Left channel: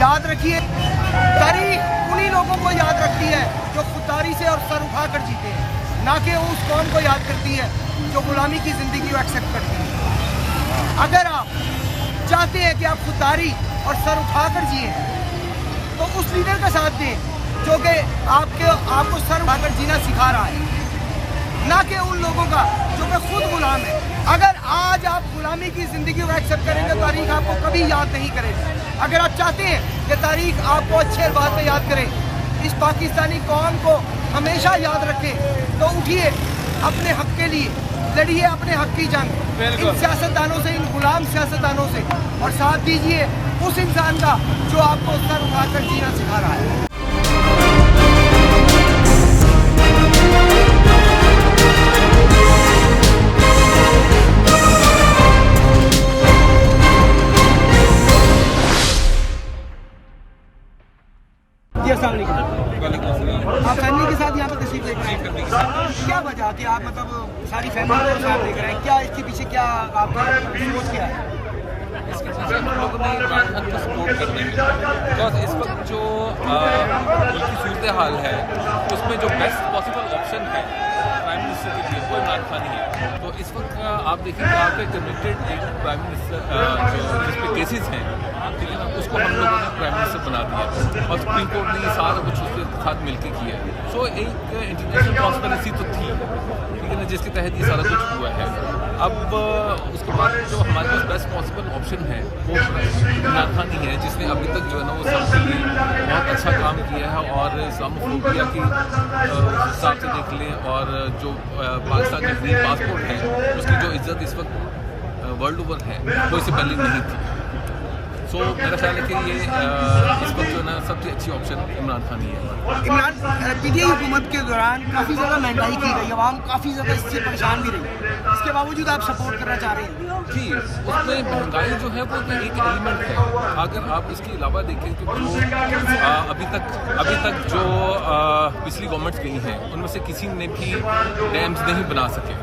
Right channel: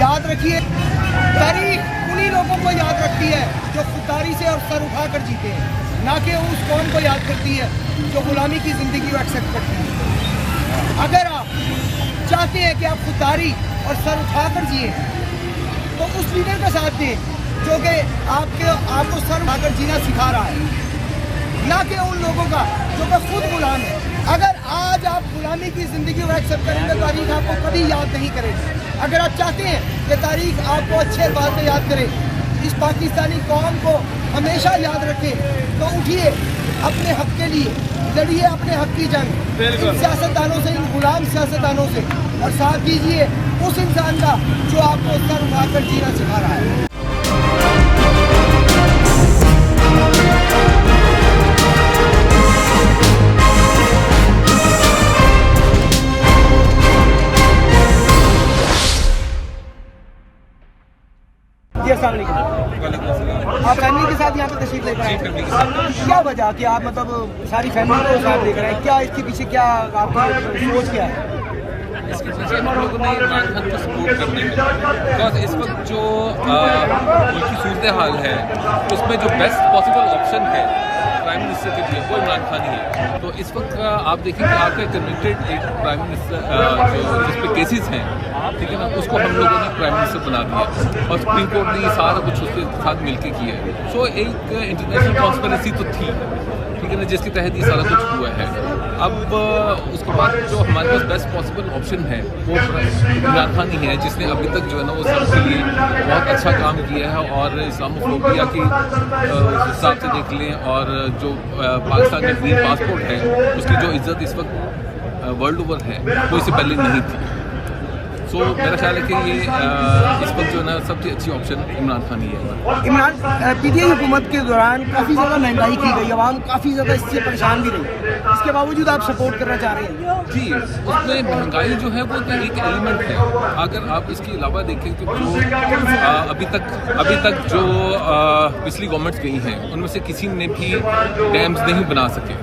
याद रखिए, तारीख उन्हीं लोगों को याद रखती है जो खुददारी से और सर उठाकर जीते हैं, ना कि उस कौम को याद करती है जो गुलामी की ज़िंदगी को एक्सेप्ट करती है। अगर आप चाहते हैं कि आप खुददारी और सर उठाकर जिए तो उस लीडर का साथ दें जो कि आपको सर उठाकर जीना सिखा रहा है, ना कि उन लोगों का जो कि खुद गुलाम है। अगर आज आप गुलामी की ज़िंदगी को एक्सेप्ट करेंगे, तारीख आपको कभी याद नहीं करेगी। अगर आप चाहते हैं कि तारीख आपको अच्छे अल्फाज में याद करे, इस पाकिस्तानी कौम को हमेशा याद रखे, तो उठिए, अपने हक के लिए लड़िए, अपने हक की जंग इन सियासतदानों से, इन गुलाम सियासतदानों से, और साथ दीजिए उस इंसान का जो आपको सर उठाकर जीना सिखा रहा है। आप फैमिली के साथ यहाँ पे तशरीफ लेकर आए, क्या वजह कि आप मतलब सारी फैमिली को साथ लेकर आए, क्या इसके पीछे क्या आपकी सोच क्या है? इसके पीछे हम लोगों ने इमरान खान को सपोर्ट करने में, बिकॉज इस वक्त जो उनकी सूरत हाल है उसमें जो बेस्ट पॉसिबल ऑप्शन है प्राइम मिनिस्टर के लिए वो इमरान खान ही है। तो इस वक्त आप देखिए कि आपका कमिटेड एक प्राइम मिनिस्टर जो जिस पे केसेस हैं, ठीक है ना, उसको हम लोगों ने प्राइम मिनिस्टर बना दिया और सुप्रीम कोर्ट ने ये सारा कुछ उसके साथ मिलकर किया है। सो एक इंटरनेशनल कॉन्स्पिरेसी तो थी, ठीक है ना, जिसके तहत ये सारा कुछ हुआ है। अब उसके बाद जो हमारे पास बेस्ट पॉसिबल ऑप्शन है वो इमरान खान ही है, जिसने अभी तक जो है ना वो सबके लिए बहुत अच्छा काम किया है। और इस्लामोफोबिया की हिसाब से देख लें, और जो पाकिस्तान का ग्रीन पासपोर्ट है उसकी जो इज्जत इस वक्त वर्ल्ड ओवर है वो इससे पहले नहीं थी। सो मेरा ख्याल है कि ये इस वक्त जो है ना सबसे अच्छी ऑप्शन इमरान खान ही है। इमरान पीटीआई हुकूमत के दौरान काफ़ी ज़्यादा महंगाई की गई, आवाम काफ़ी ज़्यादा इससे परेशान भी रही, इसके बावजूद आप सपोर्ट करना चाह रहे हैं? जी, उसमें महंगाई जो है वो तो एक एलिमेंट है। अगर आप इसके अलावा देखें कि जो अभी तक जो पिछली गवर्नमेंट्स गई हैं उनमें से किसी ने भी डैम्स नहीं बना सके,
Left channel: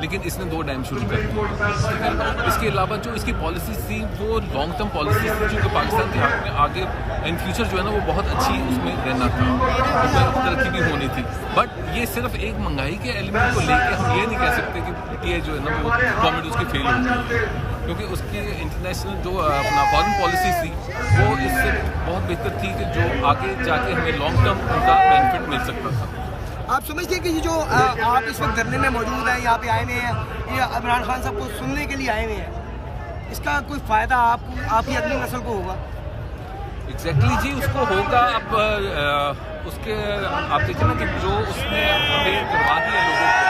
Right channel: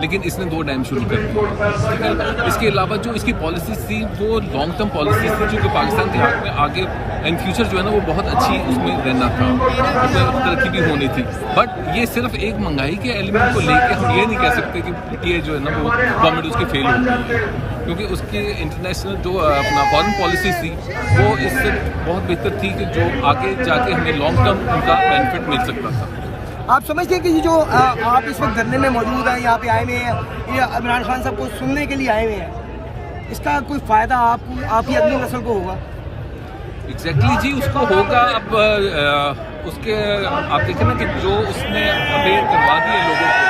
लेकिन इसने 2 डैम शुरू कर दिए। इसके अलावा जो इसकी पॉलिसीज थी वो लॉन्ग टर्म पॉलिसीज थी, जो कि पाकिस्तान के हक में आगे इन फ्यूचर जो है ना वो बहुत अच्छी उसमें रहना था, उसमें तरक्की भी होनी थी। बट ये सिर्फ एक महंगाई के एलिमेंट को लेके हम ये नहीं कह सकते कि पीटीआई जो है ना वो गवर्नमेंट उसकी फेल हो गई है, क्योंकि उसकी इंटरनेशनल जो अपना फॉरेन पॉलिसीज थी वो इससे बहुत बेहतर थी कि जो आगे जाके हमें लॉन्ग टर्म उनका बेनिफिट मिल सकता था। आप समझते हैं कि ये जो आप इस वक्त धरने में मौजूद हैं, यहाँ पे आए हुए हैं, ये इमरान खान साहब को सुनने के लिए आए हुए हैं, इसका कोई फ़ायदा आपकी अगली नस्ल को होगा? एग्जैक्टली जी, उसको होगा। अब उसके आप देखें ना कि जो उसने अवेयर करवा दिए लोगों को,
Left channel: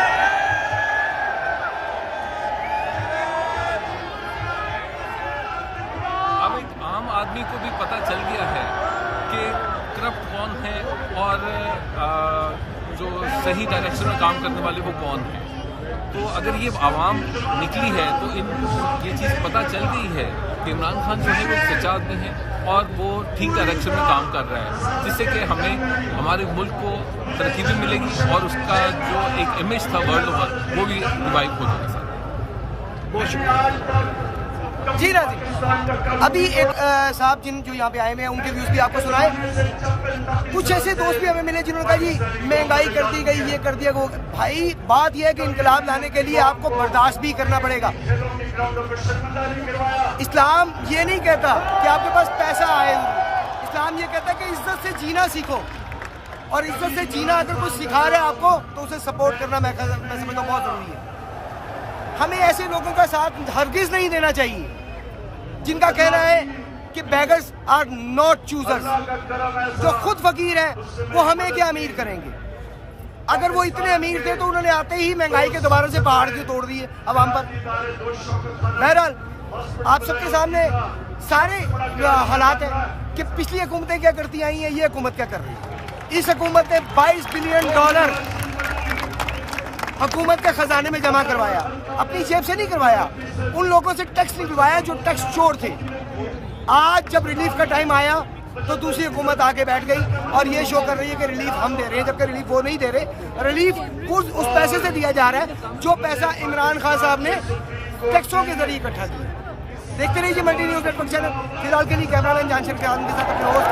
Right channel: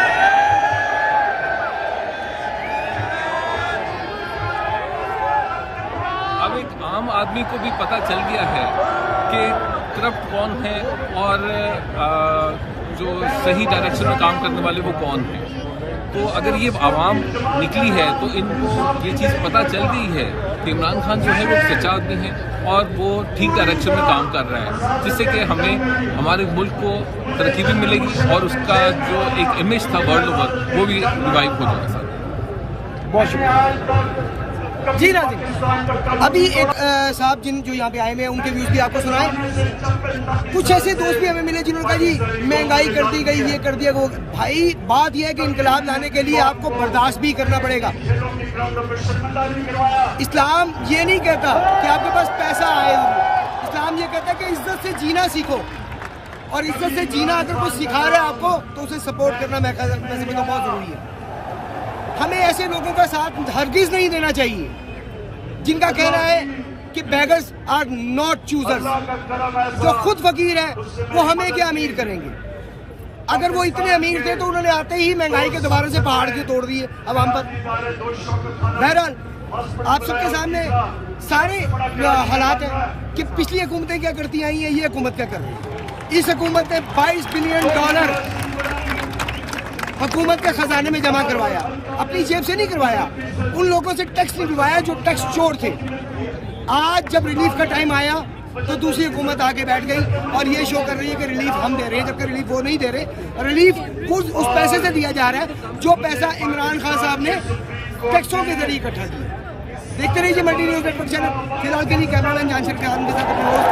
अब एक आम आदमी को भी पता चल गया है कि करप्ट कौन है और जो सही डायरेक्शन में काम करने वाले वो कौन है। तो अगर ये आवाम निकली है तो इनको ये चीज़ पता चल गई है कि इमरान खान जो है वो सच्चा आदमी है और वो ठीक डायरेक्शन में काम कर रहा है, जिससे कि हमें हमारे मुल्क को तरक्की भी मिलेगी और उसका जो एक इमेज था वर्ल्ड ओवर वो भी रिवाइव हो जाएगा। बहुत शुक्रिया जी। नाज़रीन, अभी एक साहब जो यहाँ पे आए हुए हैं उनके व्यूज़ भी आपको सुनाए। कुछ ऐसे दोस्त भी हमें मिले जिन्होंने कहा जी महंगाई कर दी गई, ये कर दिया वो। भाई बात यह है कि इनकलाब लाने के लिए आपको बर्दाश्त भी करना पड़ेगा। इस्लाम ये नहीं कहता कि आपके पास पैसा आए, इस्लाम ये कहता है कि इज्जत से जीना सीखो, और इज्जत से जीना अगर कुछ सिखा रहा है आपको तो उसे सपोर्ट करना मैं समझता हूँ बहुत ज़रूरी है। हमें ऐसे लोगों का साथ हरगिज़ नहीं देना चाहिए जिनका कहना है कि बेगर्स आर नॉट चूजर्स। जो खुद फकीर है वो हमें क्या अमीर करेंगे? अगर वो इतने अमीर थे तो उन्होंने आते ही महंगाई के दोबारा से पहाड़ के तोड़ दिए अवाम पर। बहरहाल आप सबके सामने सारे हालात हैं कि पिछली हुकूमतें क्या करती आई हैं, ये हुकूमत क्या कर रही है। इस हुकूमत ने $22 बिलियन हुकूमत के खजाने में जमा करवाया, अपनी जेब से नहीं करवाया, उन लोगों से टैक्स निकलवाया जो टैक्स चोर थे। आज जब रिलीफ का टाइम आया तो दूसरी हुकूमत आके बैठ गई और ये शो कर रही है कि रिलीफ हम दे रहे हैं, जबकि रिलीफ वो नहीं दे रहे। रिलीफ उस पैसे से दिया जा रहा है जो पैसा इमरान खान साहब ने टैक्सों के जरिए इकट्ठा किया। देखते रहिए मल्टी न्यूज़ नेटवर्क चैनल। फिलहाल के लिए कैमरामैन जानशर के साथ अपने होस्ट